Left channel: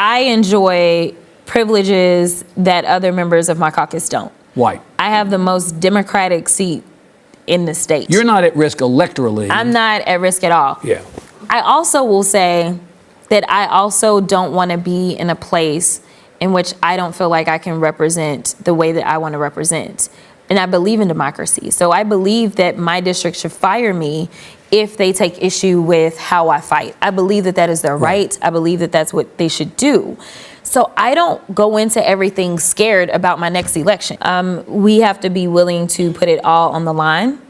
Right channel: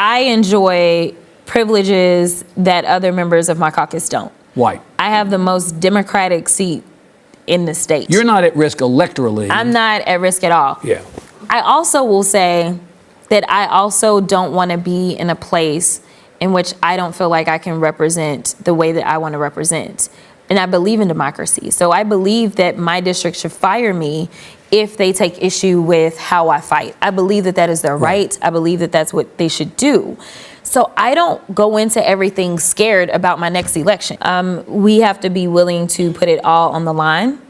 I enjoy privileges that other members of my caucus don't. Why? I have the most Democratic seat in the state. You're not at risk electorally. I'm not at risk at all. Yeah. I also will say that I also don't want to be in a place in which I don't feel like I can represent the way that I want to represent. And I believe in democracy. So I believe that my district should fire me if they take issue with how I fight. I believe that that is their right. I believe that that's what they should do. So I don't go into everything scared about my next election. We have to be willing to put it all on the line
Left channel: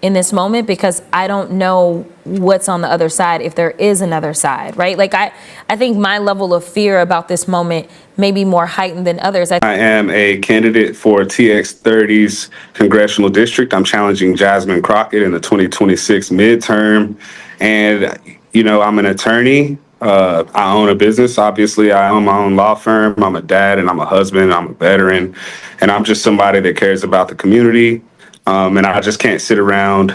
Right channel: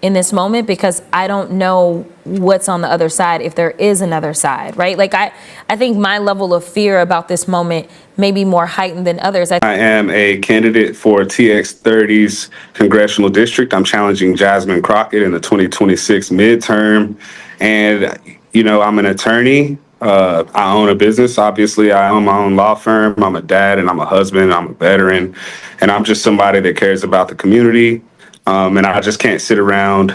in this moment, because I don't know what's on the other side, if there is another side, right? Like I think my level of fear about this moment may be more heightened than others. I am a candidate for TX30's Congressional District. I'm challenging Jasmine Crockett in the 2026 midterm. And, you know, I'm an attorney. I own a business. Obviously, I own my own law firm. I'm a dad and I'm a husband. I'm a veteran. And I'm just somebody that cares about the community. And I just can't sit around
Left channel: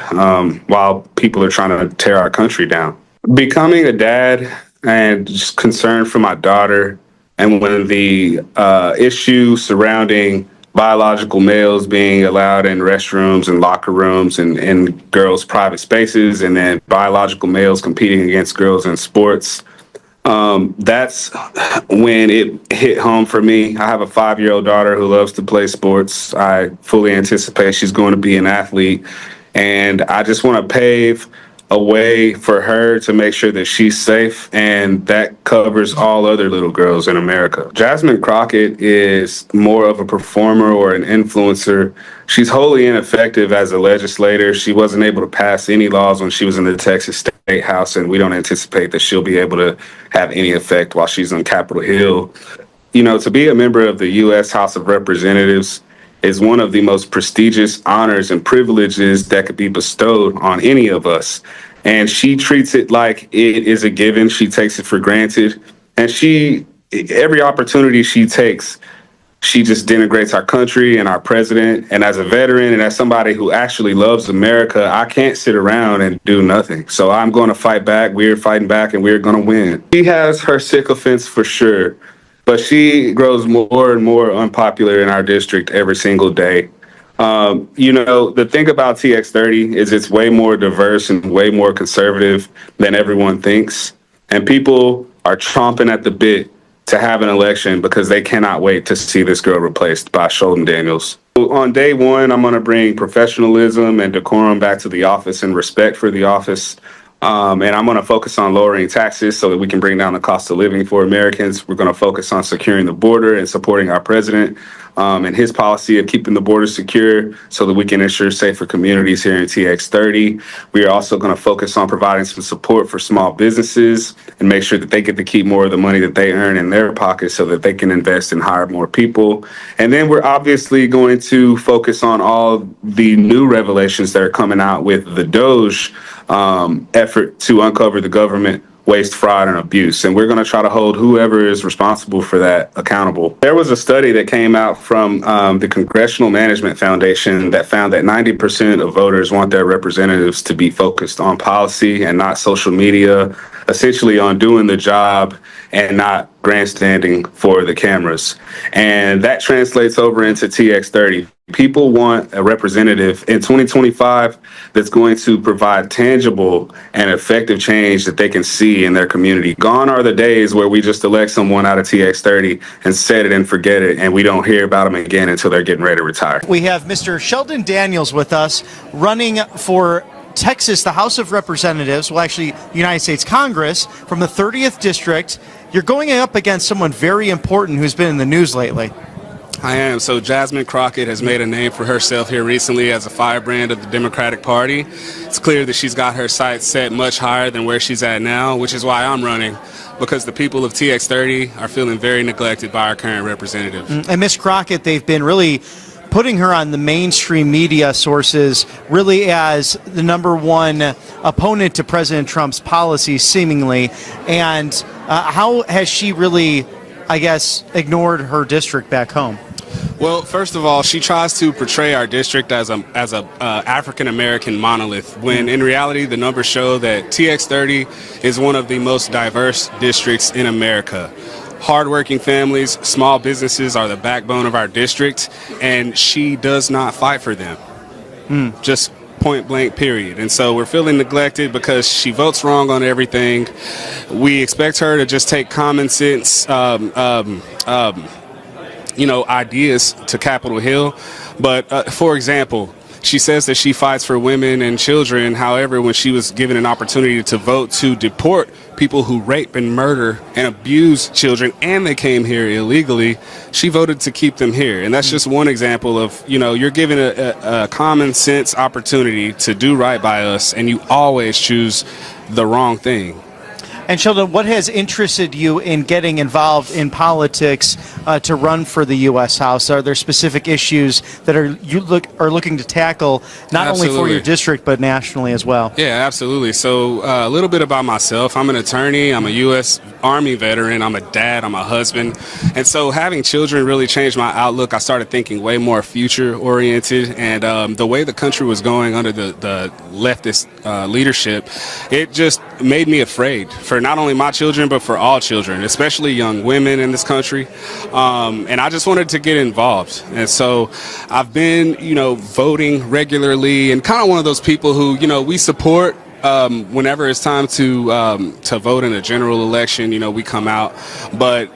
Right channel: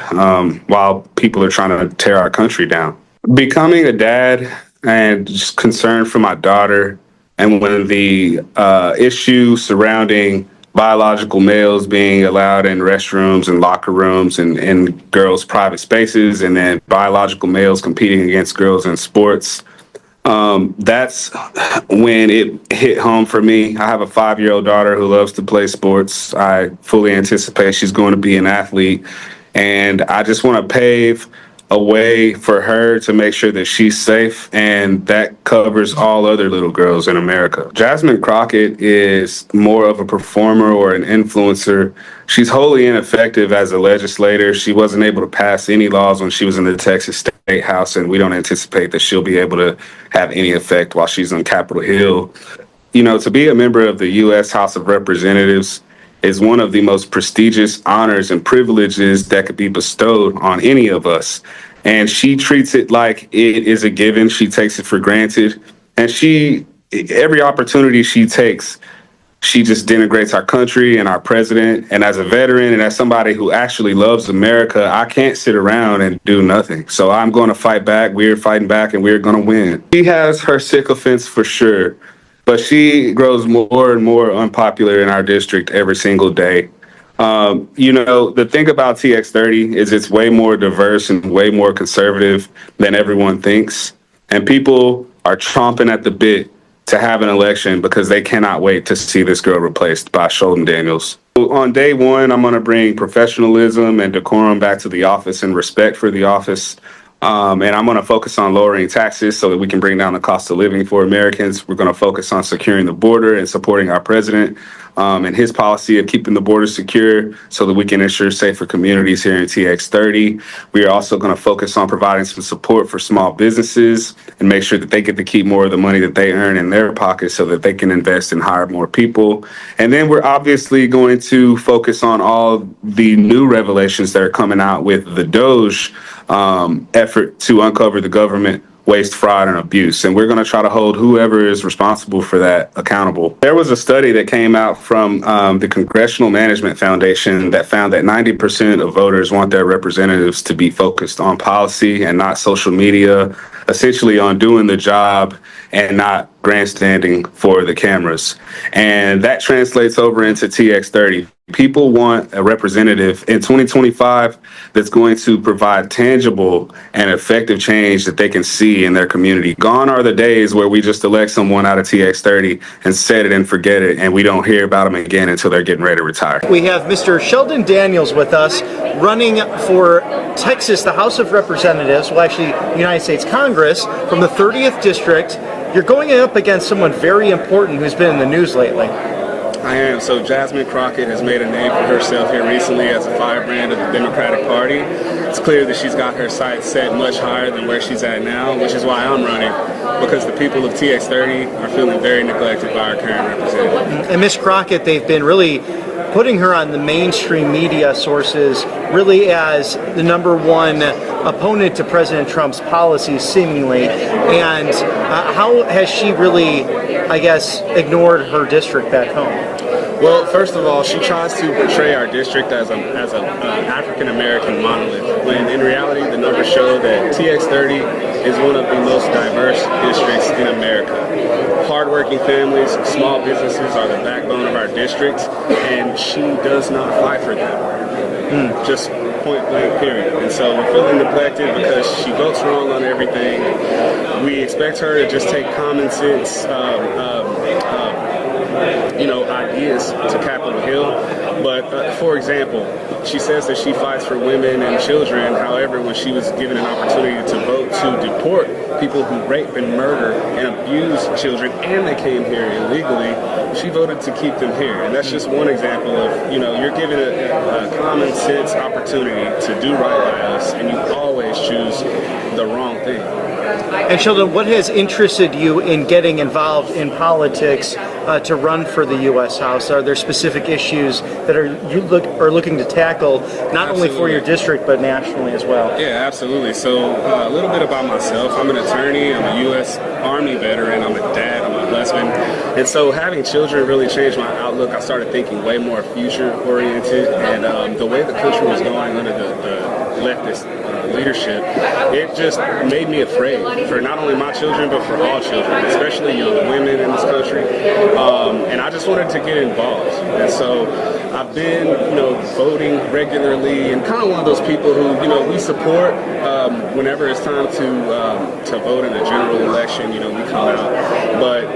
while people are trying to tear our country down. Becoming a dad and just concerned for my daughter, and when the issue surrounding biological males being allowed in restrooms and locker rooms and in girls' private spaces, and then biological males competing against girls in sports, that's when it hit home for me. I have a 5-year-old daughter who loves to play sports. I fully anticipate she's going to be an athlete. And I just want to pave a way for her to make sure that she's safe, and that covers all other little girls in America. Jasmine Crockett is more of a performer or an influencer. She's wholly ineffective as a legislator. She wasn't able to pass any laws when she was in the Texas State House, and we don't anticipate that she'll be able to have any effect while she's on Capitol Hill. You know, to be a member of the U.S. House of Representatives is one of the most prestigious honors and privileges that could be bestowed on any of us. And she treats it like it is a given. She takes it for granted. And every opportunity she takes, she just denigrates our country and our president. And as a veteran and as somebody who actually loves America, I can't sit around and do nothing. So I'm going to fight back. We're fighting back, and we're going to win. She has her sycophants for sure, but she grows more and more unpopular in our district every single day. You know, the thing about TX30 is it's way more diverse and way more conservative than everyone thinks. And people are chomping at the bit to have an election because they cannot wait to see this girl replaced by Sholdon Daniels. On day one, I'm going to bring professionalism and decorum back to the office and respect for the office. And I'm going to focus on lowering taxes so that we can bring down the cost of living for Americans. We're going to focus on securing the border and supporting our president and his policy of keeping the border secure so that we can ensure safer communities here in TX30. We are also going to focus on providing some support for small businesses and make sure that they get to keep more of the money that they earn in their pockets so that they can invest and hire more people. And then we're obviously going to focus on all the new revelations that are coming out with the DOJ effort to uncover the government waste, fraud, and abuse. And we're going to try to hold whoever is responsible for that accountable. There was a study that came out from the Congressional Management Foundation that found that 90% of voters want their representatives to be focused on policy and not social media, essentially on doing the job and not grandstanding for the cameras. And that translates over into TX30. People want a representative in 2025 that's going to provide tangible and effective change that they can see in their community. Gone are the days where we just elect someone out of TX30 and set it and forget it, and we don't hear about them again until they're getting ready to retire. We have Mr. Sholdon Daniels with us, running for Texas, the House of Representatives, well, actually, United States Congress, from the 30th District. You're going up against someone very important who's been in the news lately. I am. So Jasmine Crockett has made a name for herself here recently as a firebrand of the Democratic Party. It's clear that she's got her sights set much higher than where she's at now, which is why I'm running, because the people of TX30 are feeling very neglected by our current representative. And Ms. Crockett, they've been really putting her on the mainstream media sources really as the #1 opponent to President Trump's policies, seemingly. And how has she really, I guess, ignored her district back home? Well, first of all, she tries to portray our district as a African-American monolith, when in reality the numbers show that TX30 is one of the most diverse districts in America. hardworking families, small businesses are the backbone of our district, and she does not fight for them. Just point blank, period. And so we're feeling neglected because she votes wrong on everything. We expect her to just take common sense, ideas to Capitol Hill. But for example, she says that she fights for women and children. However, when she was given an opportunity to vote to deport people who rape and murder and abuse children, and they came here illegally, she voted to keep them here. And that's just one example of, you're given a common sense opportunity to do right by us, and you always choose the wrong thing. And Sholdon, what has interested you in getting involved in politics to run for the U.S. House? Are there specific issues that you are looking to tackle, not only for your district, but nationally as well? Yeah, absolutely. So a little bit about myself. I'm an attorney. I'm a U.S. Army veteran. I'm a dad. I'm a husband. And so having children really changed my outlook. I started thinking way more future-oriented. And the way the country was going under the leftist leadership, it just made me afraid for not only my children, but for all children, especially young women in this country. And I just wanted to get involved. And so I've been, voting regularly, and kind of one of those people who, we support whenever it's time to vote in a general election, we come out. But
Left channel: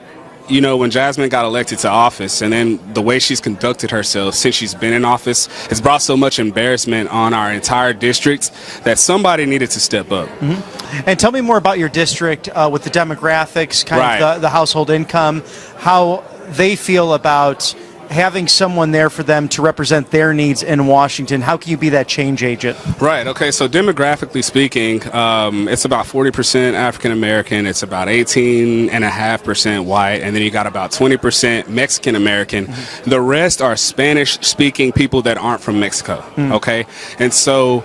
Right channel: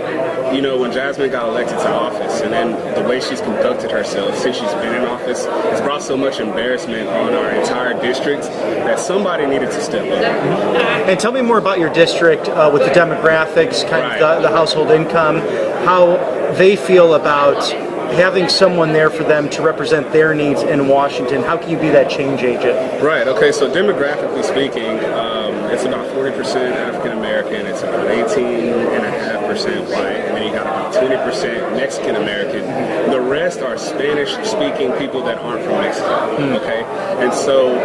when Jasmine got elected to office, and then the way she's conducted herself since she's been in office, has brought so much embarrassment on our entire district that somebody needed to step up. Mm-hmm. And tell me more about your district with the demographics, kind of the household income, how they feel about having someone there for them to represent their needs in Washington. How can you be that change agent? Right. Okay. So demographically speaking, it's about 40% African American. It's about 18.5% white, and then you got about 20% Mexican American. The rest are Spanish-speaking people that aren't from Mexico. Okay. And so,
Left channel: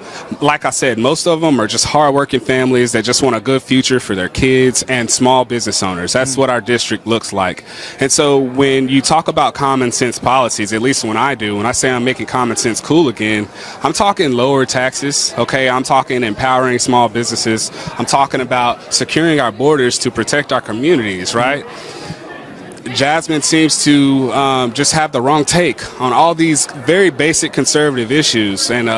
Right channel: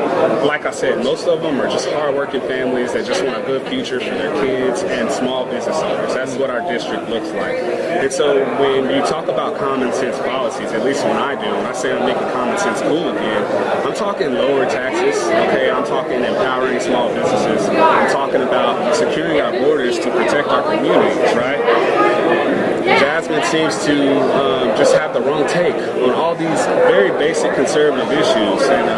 like I said, most of them are just hardworking families that just want a good future for their kids and small business owners. That's what our district looks like. And so, when you talk about common sense policies, at least when I say I'm making common sense cool again, I'm talking lower taxes, okay? I'm talking empowering small businesses. I'm talking about securing our borders to protect our communities, right? Jasmine seems to just have the wrong take on all these very basic conservative issues. And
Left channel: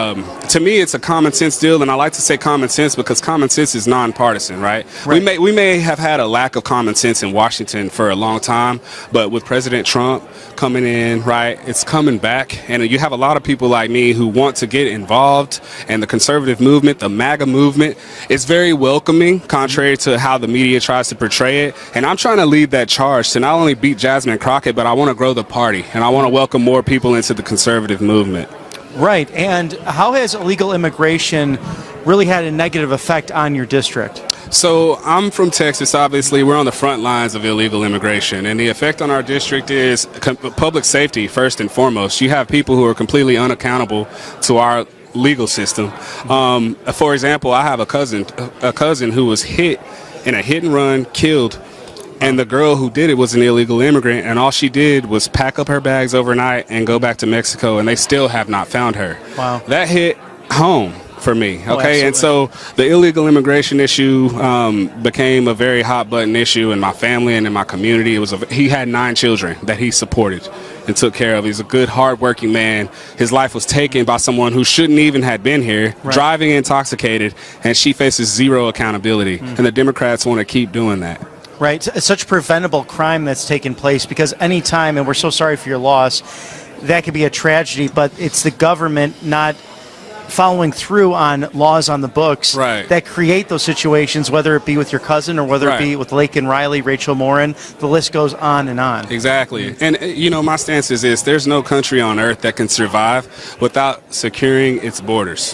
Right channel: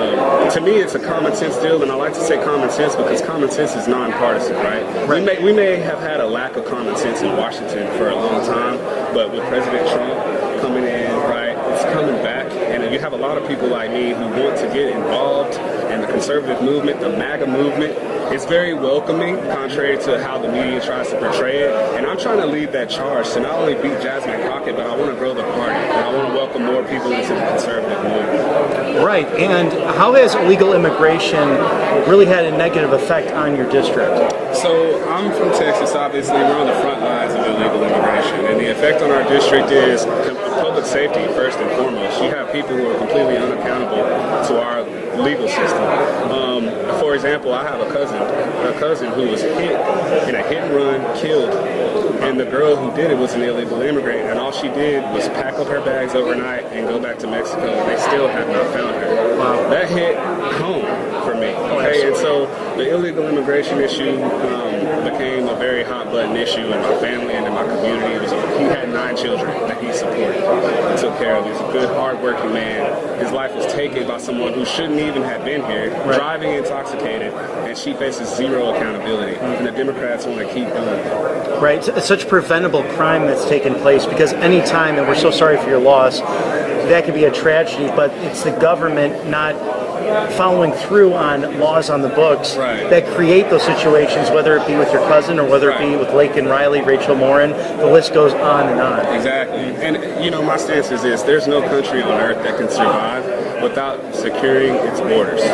to me, it's a common sense deal. And I like to say common sense because common sense is nonpartisan, right? We may have had a lack of common sense in Washington for a long time, but with President Trump coming in, right, it's coming back. And you have a lot of people like me who want to get involved. And the conservative movement, the MAGA movement, is very welcoming, contrary to how the media tries to portray it. And I'm trying to lead that charge to not only beat Jasmine Crockett, but I want to grow the party. And I want to welcome more people into the conservative movement. Right. And how has illegal immigration really had a negative effect on your district? So I'm from Texas, obviously. We're on the front lines of illegal immigration. And the effect on our district is public safety, first and foremost. You have people who are completely unaccountable to our legal system. For example, I have a cousin who was hit in a hit and run, killed. And the girl who did it was an illegal immigrant, and all she did was pack up her bags overnight and go back to Mexico, and they still have not found her. Wow. That hit home for me, okay? And so the illegal immigration issue became a very hot button issue in my family and in my community. He had 9 children that he supported and took care of. He's a good, hard-working man. His life was taken by someone who shouldn't even have been here, driving intoxicated, and she faces zero accountability. And the Democrats want to keep doing that. Right, it's such preventable crime that's taken place, because any time, and we're so sorry for your loss, that could be a tragedy, but it's the government not following through on laws on the books that create those situations, whether it be with your cousin or whether it be with Lake and Riley, Rachel Morin. The list goes on and on. Exactly. And, my stance is this: there's no country on earth that can survive without securing its borders.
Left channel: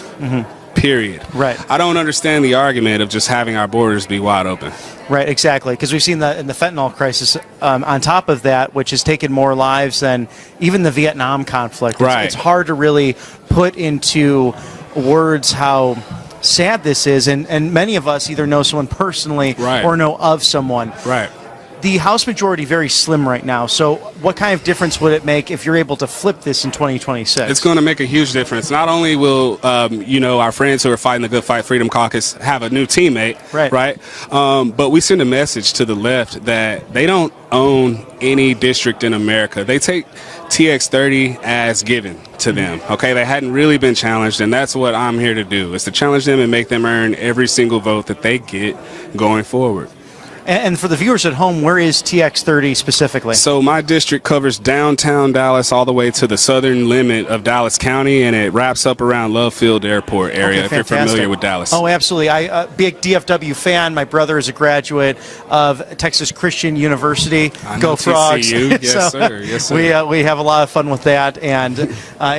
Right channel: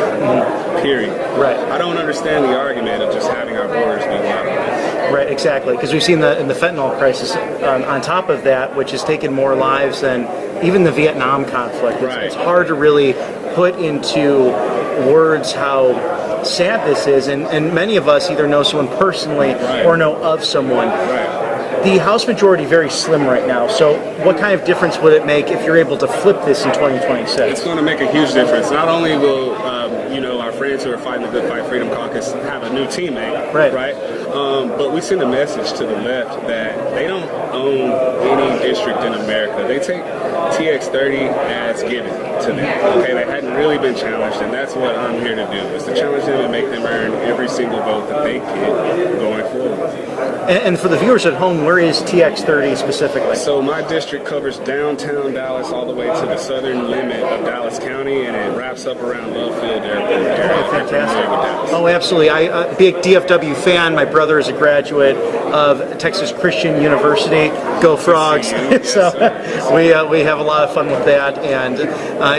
Period. Right. I don't understand the argument of just having our borders be wide open. Right, exactly. Because we've seen in the fentanyl crisis, on top of that, which has taken more lives than even the Vietnam conflict. It's hard to really put into words how sad this is, and many of us either know someone personally or know of someone. The House majority very slim right now. So what kind of difference would it make if you're able to flip this in 2026? It's going to make a huge difference. Not only will our friends who are fighting the Good Fight Freedom Caucus have a new teammate, right? But we send a message to the left that they don't own any district in America. They take TX30 as given to them. Okay, they hadn't really been challenged, and that's what I'm here to do, is to challenge them and make them earn every single vote that they get going forward. And for the viewers at home, where is TX30 specifically? So my district covers downtown Dallas all the way to the southern limit of Dallas County, and it wraps up around Love Field Airport area, if you're familiar with Dallas. Oh, absolutely. I'm a big DFW fan. My brother is a graduate of Texas Christian University. Go Frogs. Yes, so sir. Yes, sir. We have a lot of fun with that, and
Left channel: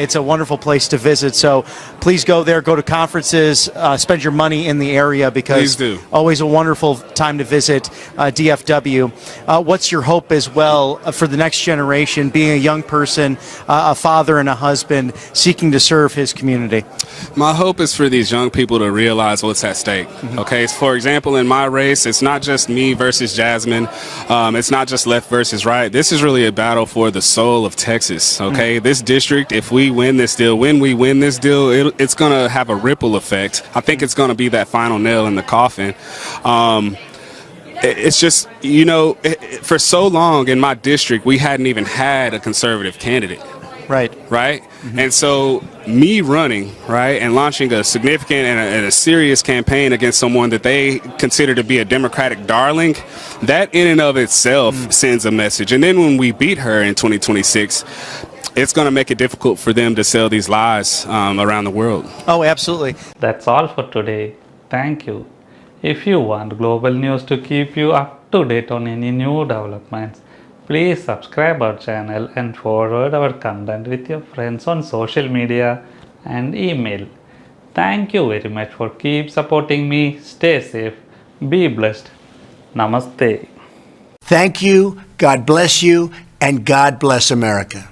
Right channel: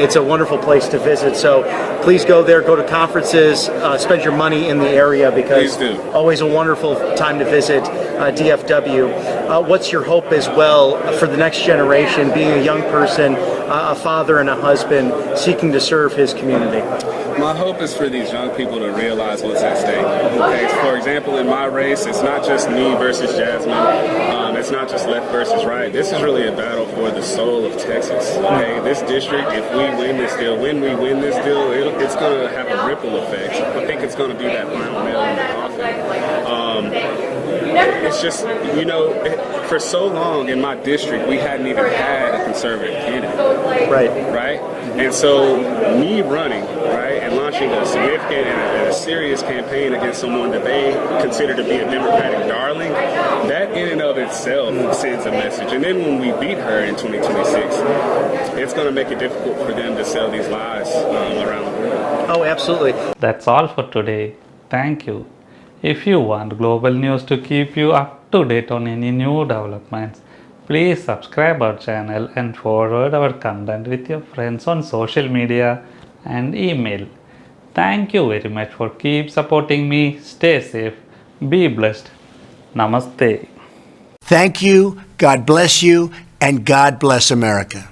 it's a wonderful place to visit. So please go there, go to conferences, spend your money in the area, because Please do. Always a wonderful time to visit DFW. What's your hope as well for the next generation, being a young person, a father and a husband, seeking to serve his community? My hope is for these young people to realize what's at stake. Okay, so for example, in my race, it's not just me versus Jasmine. It's not just left versus right. This is really a battle for the soul of Texas. Okay, this district, if we win this deal, it's going to have a ripple effect. I think it's going to be that final nail in the coffin. It's just, for so long in my district, we hadn't even had a conservative candidate. Right? And so me running, right, and launching a significant and a serious campaign against someone that they consider to be a Democratic darling, that in and of itself sends a message. And then when we beat her in 2026, it's going to make it difficult for them to sell these lies around the world. Oh, absolutely. That's all for today. Thank you. If you want global news to keep you up to date on any new developments, please subscribe our channel and forward our content with your friends on social media and email. Thank you very much for keep supporting me. Stay safe. Be blessed. Namaste. Thank you, God bless you, and God bless America.